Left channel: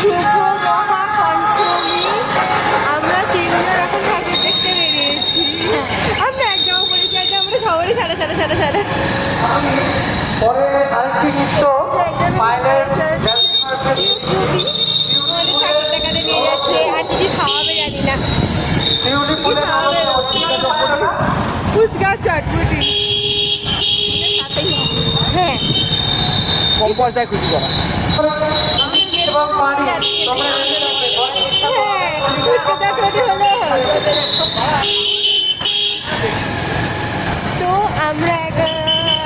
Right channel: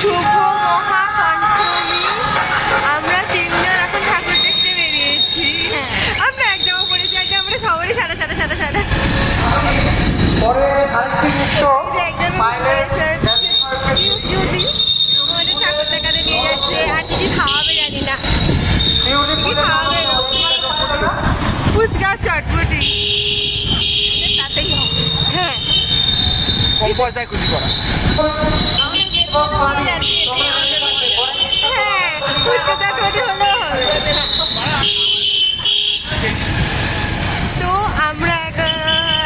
শুভ মহাপঞ্চমী। আমরা তিনজন এখন ঠাকুর দেখতে বেরিয়েছি। আমরা এক জামা পরে যাই যে আমরা সবারই সাদা সাদা সাদা সাদা। আমাদের ঠাকুর দেখাতে নিয়ে যাচ্ছে। আর কিছু খাওয়াবে জানি না কি খাওয়াবে। ফুচকা চটপটি। হ্যাঁ কম পয়সায় খুশি করা। হ্যাঁ ফুচকা চটপটি হলেও হবে। তো আমরা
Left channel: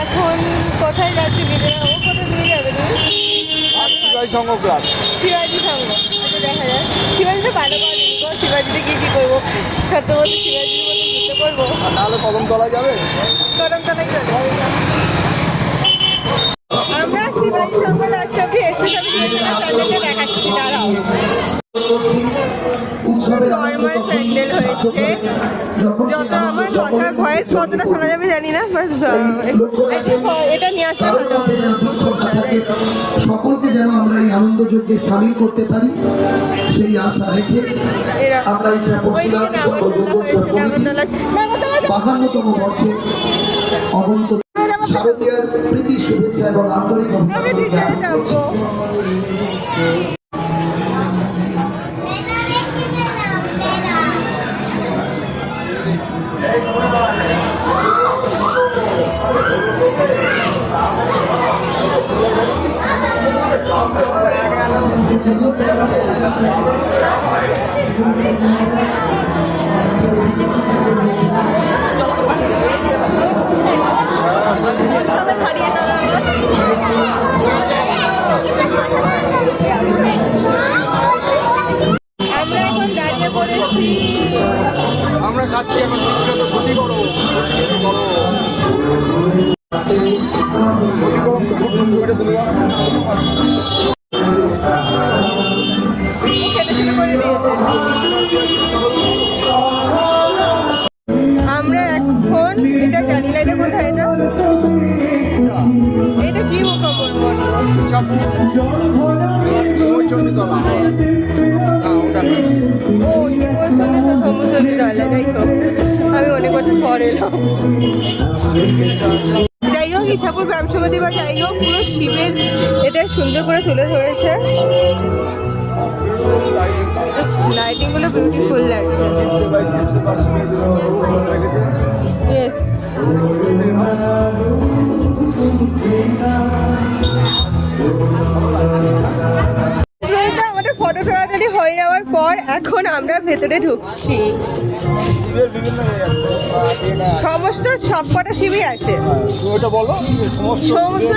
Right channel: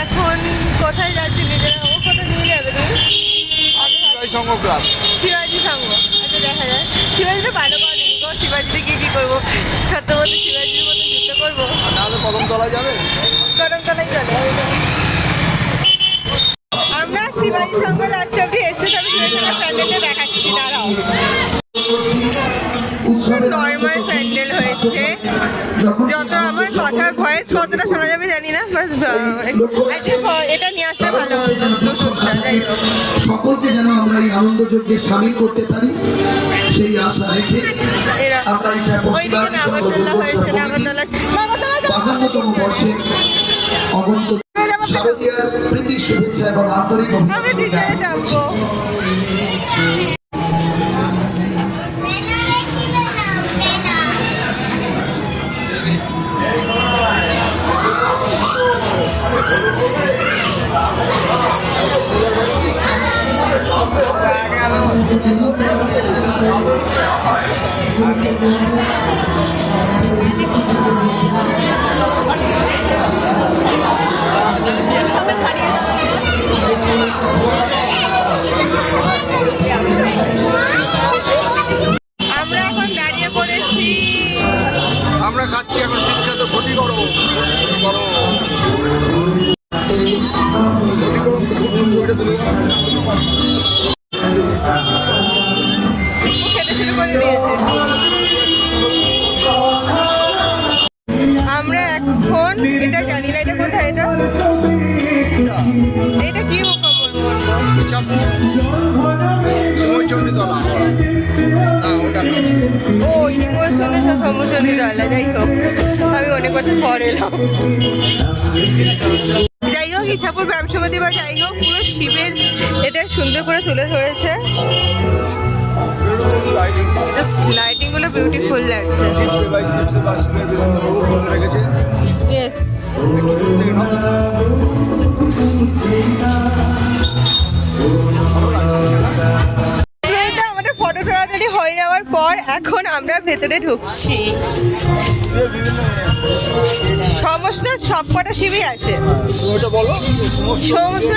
এখন কোথায় যাচ্ছি? নিজেরা ও কোথায় নিয়ে যাবে তুমি? সংঘ ক্লাব, শিবাজি সংঘ। আচ্ছা দেখা যায়। শিবাজি তো ভালো করেনি গো। শিবাজিতে কি করবো? সত্য বলতে শিবাজির মতো যুদ্ধ করবো। নাহলে কদমতলা যাবে। কদমতলাই চলে। আমরা শিবাজি সংঘ লাস্ট অব্দি এসে তবে শিবাজি সংঘ প্যান্ডেলটা দেখাচ্ছি। দাঁড়াও। নর্মাল প্যান্ডেল হয়েছে। যত আমার কথার ভয়েস কতটা শোনা যাবে জানি না। এটা নিয়ে আসলে ভালো হতো। যাই হোক সকলকে যেন আমরা এই আনন্দ যজ্ঞে সামিল করতে পারি সেই আশা রেখে আমরা ওইদিকে নাগরদোলা হয়েছে। নাগরদোলা ৫২তম বর্ষে অগণিত শারদীয়ার প্রীতি শুভেচ্ছা এবং আন্তরিক আমরা ভিতরে যাবো। আমরা এখন দাঁড়িয়ে পড়েছি। আমরা খাচ্ছি এখন বিখ্যাত ঘটি গরম। আমরা এখন এটা জানি না এটা কোথায়। এটা কি মুখবর মন্ডল? চণ্ডীতলা। ও সমুচন্ডীতলা। যাই হোক আমি অনেক বছর পর এলাম। যাই হোক ইচ্ছাপুর ব্যবসাপতি বা যাই হোক পুরো শিবের এটা সুন্দর করে তুলে ধরেছে। লাইটিং গুলো বিউটিফুল লাগছে। ইয়েস আমাদের ফটো তাড়াতাড়ি হয়ে যাওয়ার পর এখন আমরা ভেতরে ঢুকছি। সমস্ত সবকটা শিবই আছে। সমস্ত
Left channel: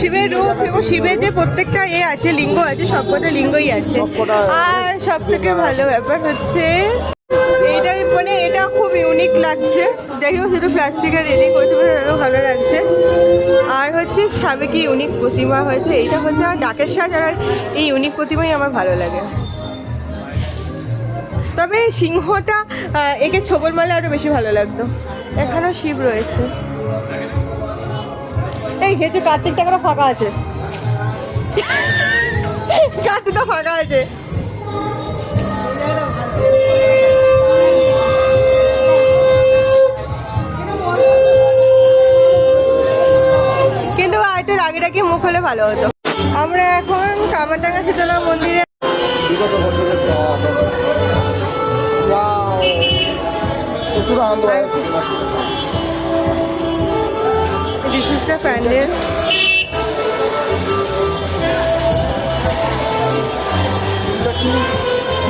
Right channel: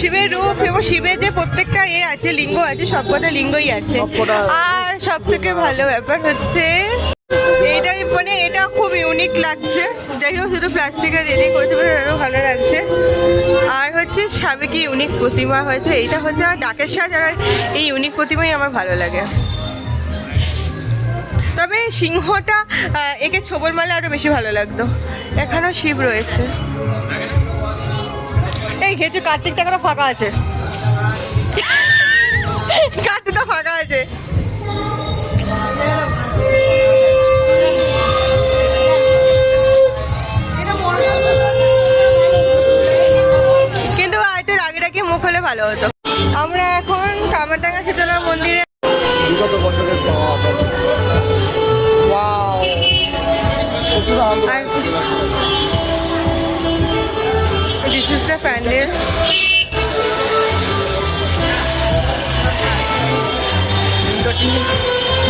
শিবের রূপ এবং শিবের যে প্রত্যেকটা আছে লিঙ্গ আছে, সবকটা লিঙ্গই আছে। আর সব থেকে ভালো ব্যাপার হচ্ছে এইটাই মানে এটা খুব ইউনিক লাগছে। যাই হোক শুধু প্লাস্টিকের রেডি করতে পারে আরও ভালো লাগছে। আর হচ্ছে সাবেকি ইউনিক প্রতিমা হয়েছে। এইটা হচ্ছে আর ডাকের সাজ। আর এই ইউনিক প্রতিমাই আমার ভালো লাগে। তবে সিংহটা একে ছোবল মারলে আরও বেশি ভালো লাগতো। এখানেও শিব রয়েছে। এই ঘেঁচে কার্তিক টাকাটা ফাঁকা আছে। কার্তিকটা ফাঁকা আছে। কিন্তু আরেকটু রাগে রাগে মুখ হলে ভালো হতো। আমরা এখন কামারডাঙ্গা শীতলা মন্দিরে। আর দিস ইজ দ্য প্যান্ডেল।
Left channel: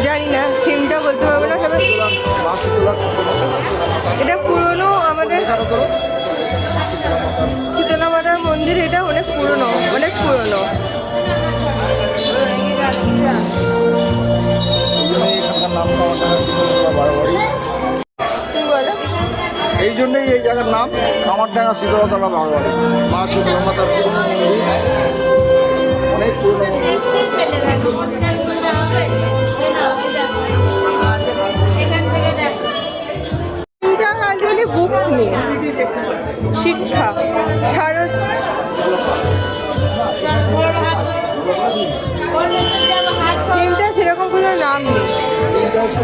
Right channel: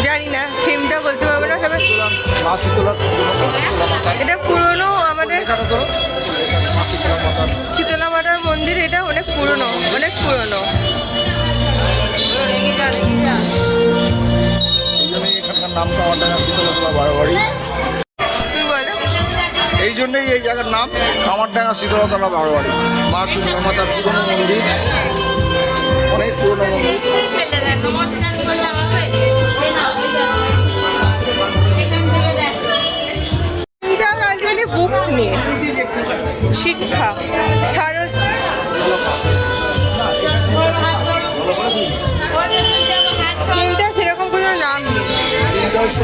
জানি না থিমটা বলতে পারবো না। তবে এটা পুরনো আমাদের শীতলা মাতার মন্দির। এটা অনেক পুরনো, অনেক পুরনো। তুই বলো। এই জন্যই এই জায়গার নাম কামারডাঙ্গা শীতলতলা বারোয়ারি। মা শিবের মাতার পুরনো মন্দির, অনেক পুরনো মন্দির। বুকস নিয়ে শিক্ষা সারস তিনটা সেরকম কোনো নাম নেই। এইটা হচ্ছে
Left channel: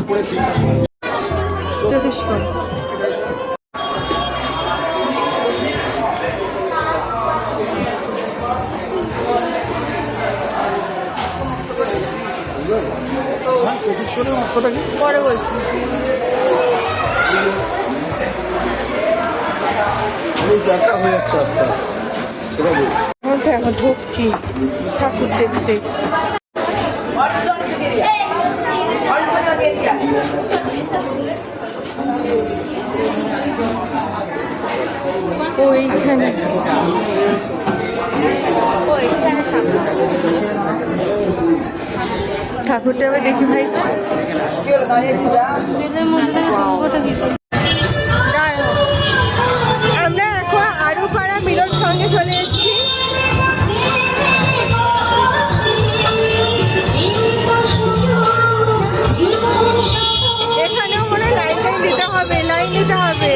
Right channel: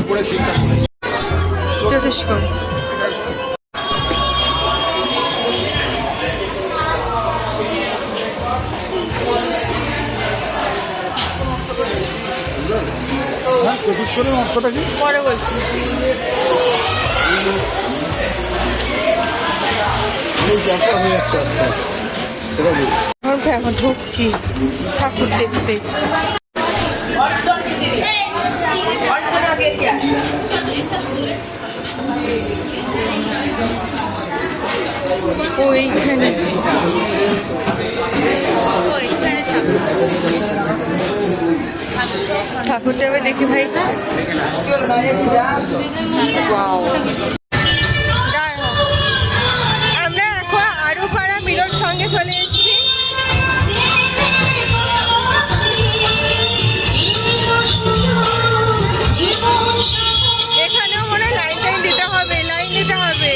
উপরে চিন্তা যথেষ্ট। পরে বলছি। হয়ে যাচ্ছে আস্তে আস্তে। এখন ঢুকছি ঠাকুর দেখতে। ওইখানে ঠাকুরটা আমি দেখি ভাই। Wow. দাঁড়াও। আমরা এখন আরুপাড়া মিলন সঙ্গে চলে এসেছি। এখানেও মনে হয় লাইন দিতে হবে, লাইন দিতে হবে।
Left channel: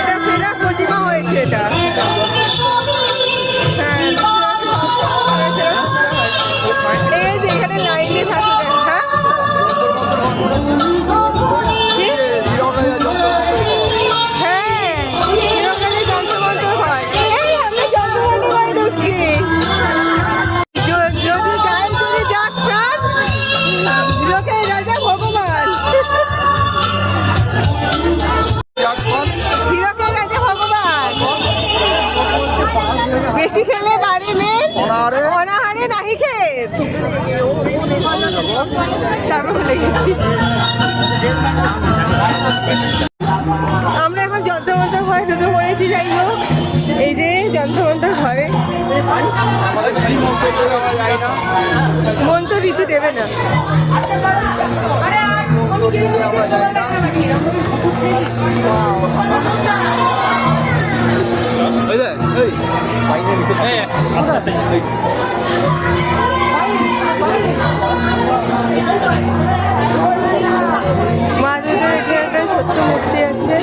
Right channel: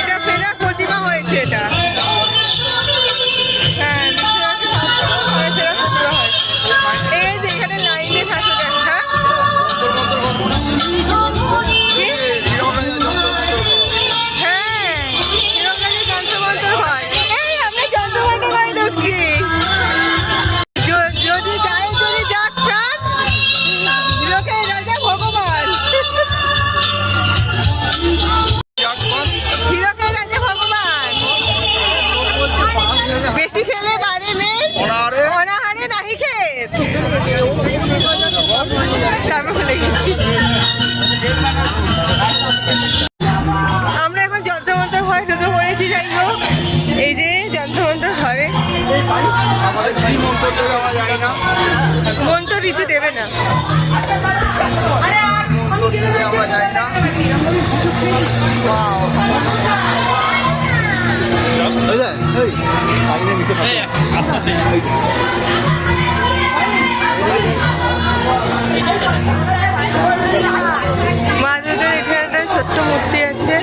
এটা ফেরা প্রতিমা হয়েছে এটা। হ্যাঁ, ফেরা প্রতিমা হয়েছে। এই যে এখানে লাইনে থাকো দেখ। হ্যাঁ, হ্যাঁ, হিরণরাজের যন্ত্রমন্ত্র ঘর। এই আমরা যন্ত্রমন্ত্র ঘরে ঢুকছি। যদি যাই যদি যাক প্রাণ, লোকের রাজা ভগবান। হিরকের রাজা ভগবান। বেশি খেলে বাড়ি মেয়ে অনাহারে নাহি খেত। তারপর ভুলে গেছি। আমরা এখন যন্ত্রমন্ত্র ঘরে ঢুকে পড়েছি। যাই হোক, এই যে যন্ত্রমন্ত্র ঘরে মন্ত্র ঋতু দেবে না। মা দুর্গার এখানে একটা ছোট্ট মূর্তি আছে।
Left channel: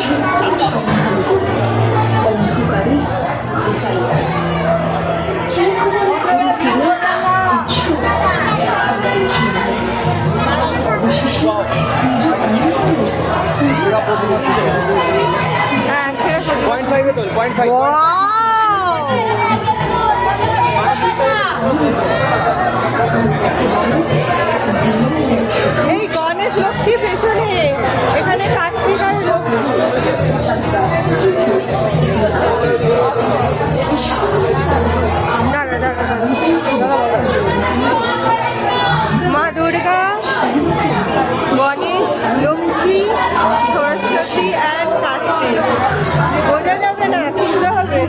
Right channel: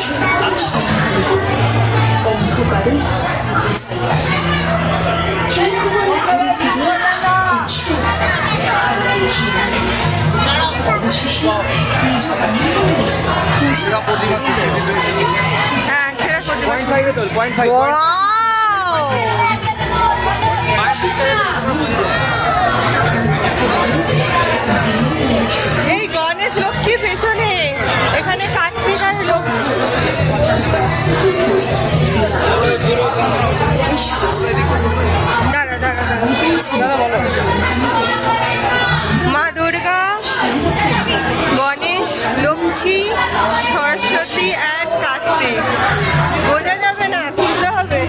হ্যাঁ, সেটা প্রতিমা। এই গণেশ লক্ষ্মী পেছনে, এখানে কার্তিক আর লক্ষ্মী। দাঁড়া দাঁড়া দাঁড়া। মা দুর্গা, গণেশ, লক্ষ্মী, সরস্বতী অ্যান্ড কার্তিক। বোঝা যাবে না, খুঁজতে হবে।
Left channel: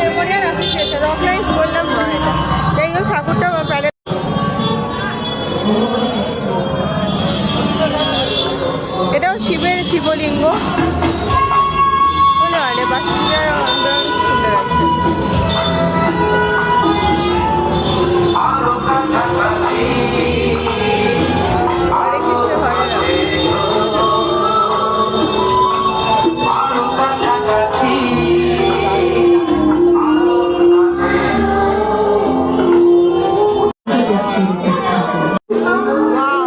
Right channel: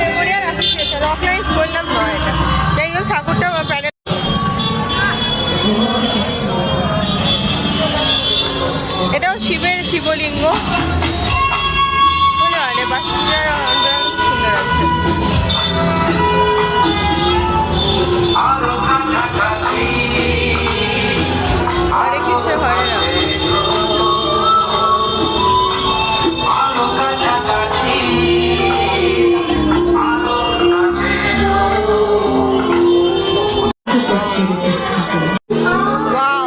মেমোরিয়াল অ্যাসোসিয়েশন রক লাইন্স বললাম নয় এটা। যাই হোক, ঠাকুরটা প্যারেড। এটাও শিবের শিবলিঙ্গ। সুন্দর আছে। হরে কৃষ্ণ হরে রাম। Wow.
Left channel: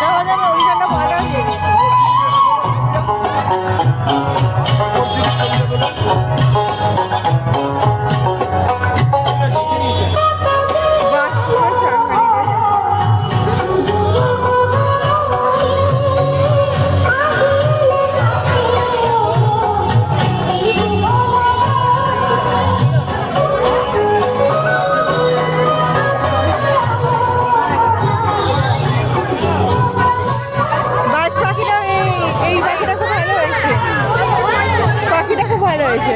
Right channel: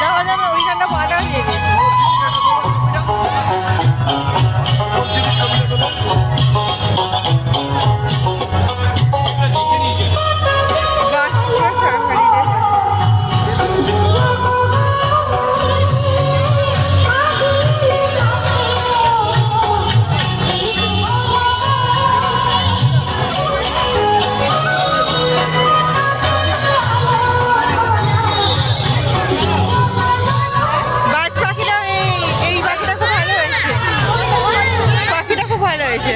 যাওয়া যাবে ওইখানটা ভালো হয়ে গেছে। বাস পুরো সাফারি দিয়ে বাজ পাখিটা এই পাখিটা খুব ভালো হয়েছে, পাখিটা খুব ভালো হয়েছে।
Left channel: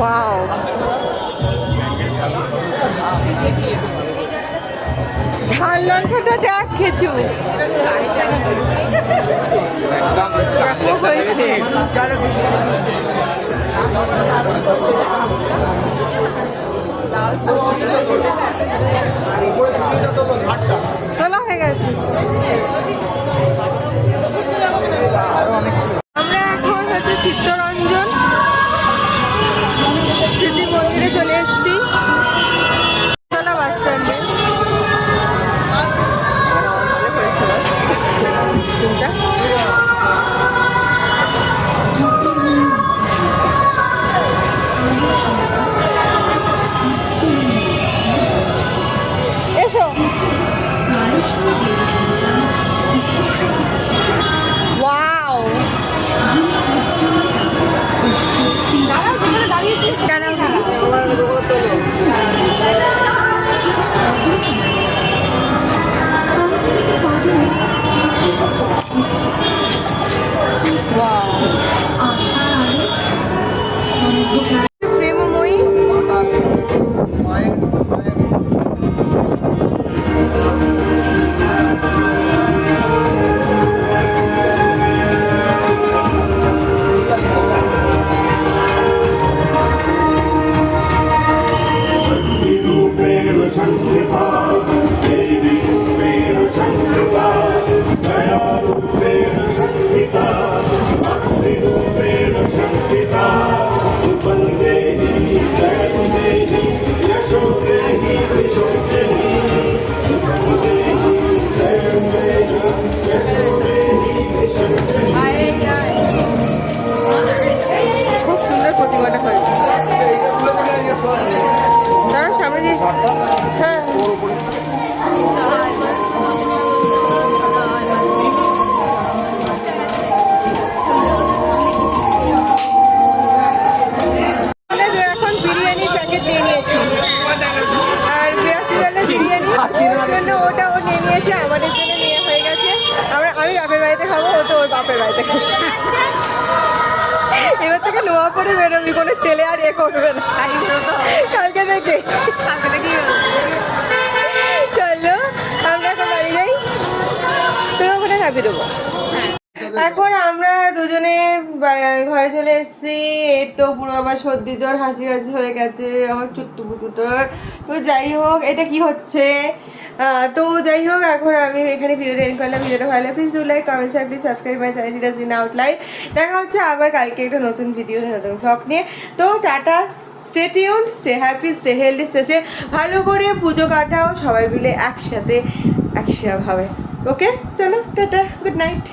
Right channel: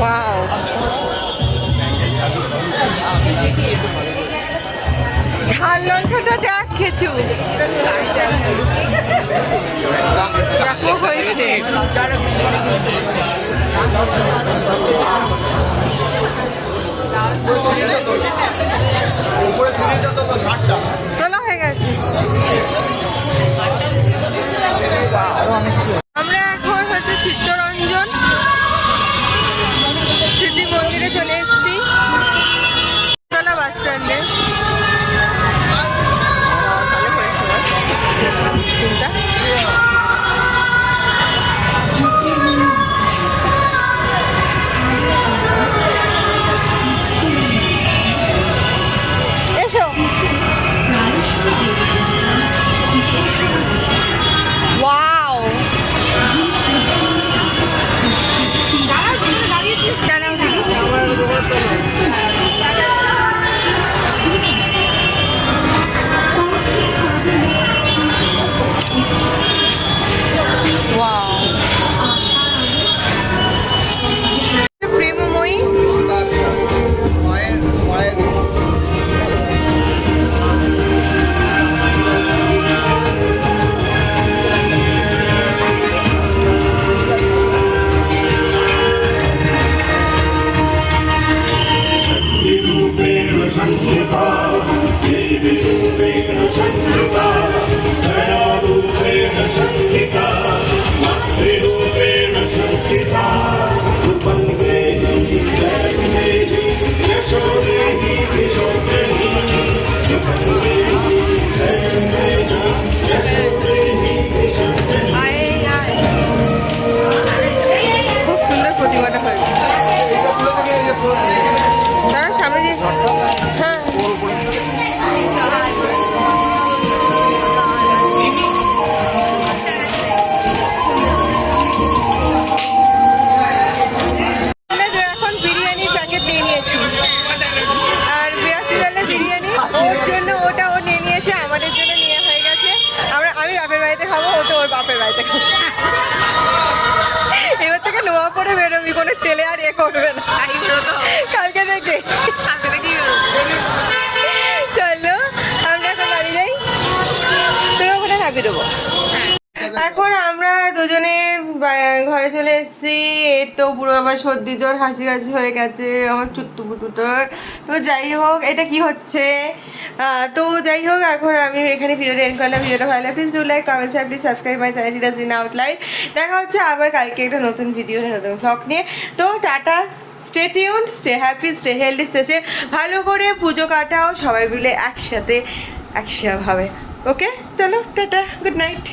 ওয়াও, ঝাল লঙ্কাটা দেখ খেছু দেখো হয়েছে। উপরে সিঁড়িটা তো ঘাটটা তোলা হয়ে গেছে। আমরা এখন হচ্ছে চিত্তরঞ্জন স্মৃতি মন্দিরে চলে এসেছি, তোলা বাস স্ট্যান্ডে। ভালো করেছে বাস তিনটা। এসো, ওয়াও, দাঁড়াও দেখি। ওয়াও, প্রেমময়ী মায়ের মায়ের খুব সুন্দর প্রতিমাটা হয়েছে। দাঁড়া সামনে দিয়ে, হ্যাঁ এখন বিরিয়ানির প্যাকেট নিয়ে নিয়েছি, আর 82 জনের বিরিয়ানি ওর জন্য ওটা ও নিয়ে নিয়েছে, আমাদের জন্য নিয়ে হয়ে গেছে। আমি বাপের বাড়িতে খাবো, ও তো ওর বাপের বাড়িতে খাবো। এবার থেকে নোয়া পরে বেরোবি, কোনো ছেলে আর এ করবে না কালকে থেকে। চলো আমরা এখন বাড়ি যাই, তুই ওখানে খাবি দেবো। এখন আমরা দুজনে ঘরে চলে এসেছি। এই তো পুরো আবার সর্দি জ্বর হাঁচি হাঁচি হয়ে গেছে আমার চুট্টু পুটুটোর। তো যাই হোক, এটা কি হচ্ছে, তো যাই হোক এখন আমি এখানে ভিডিওটা এন্ড করলাম। ভিডিওটা ভালো লাগে please do like, comment, share, please subscribe my channel জিনা আউটলাইন। দেখা হচ্ছে আবার কালকে একটা নতুন ভিডিও নতুন ব্লগ নিয়ে। তো tata, stay tuned, stay happy, stay healthy, stay ভালো করে পুজো কাটাও সবাই মিলে একসাথে ভাবে। ওকে চলো টাটা, গুড নাইট।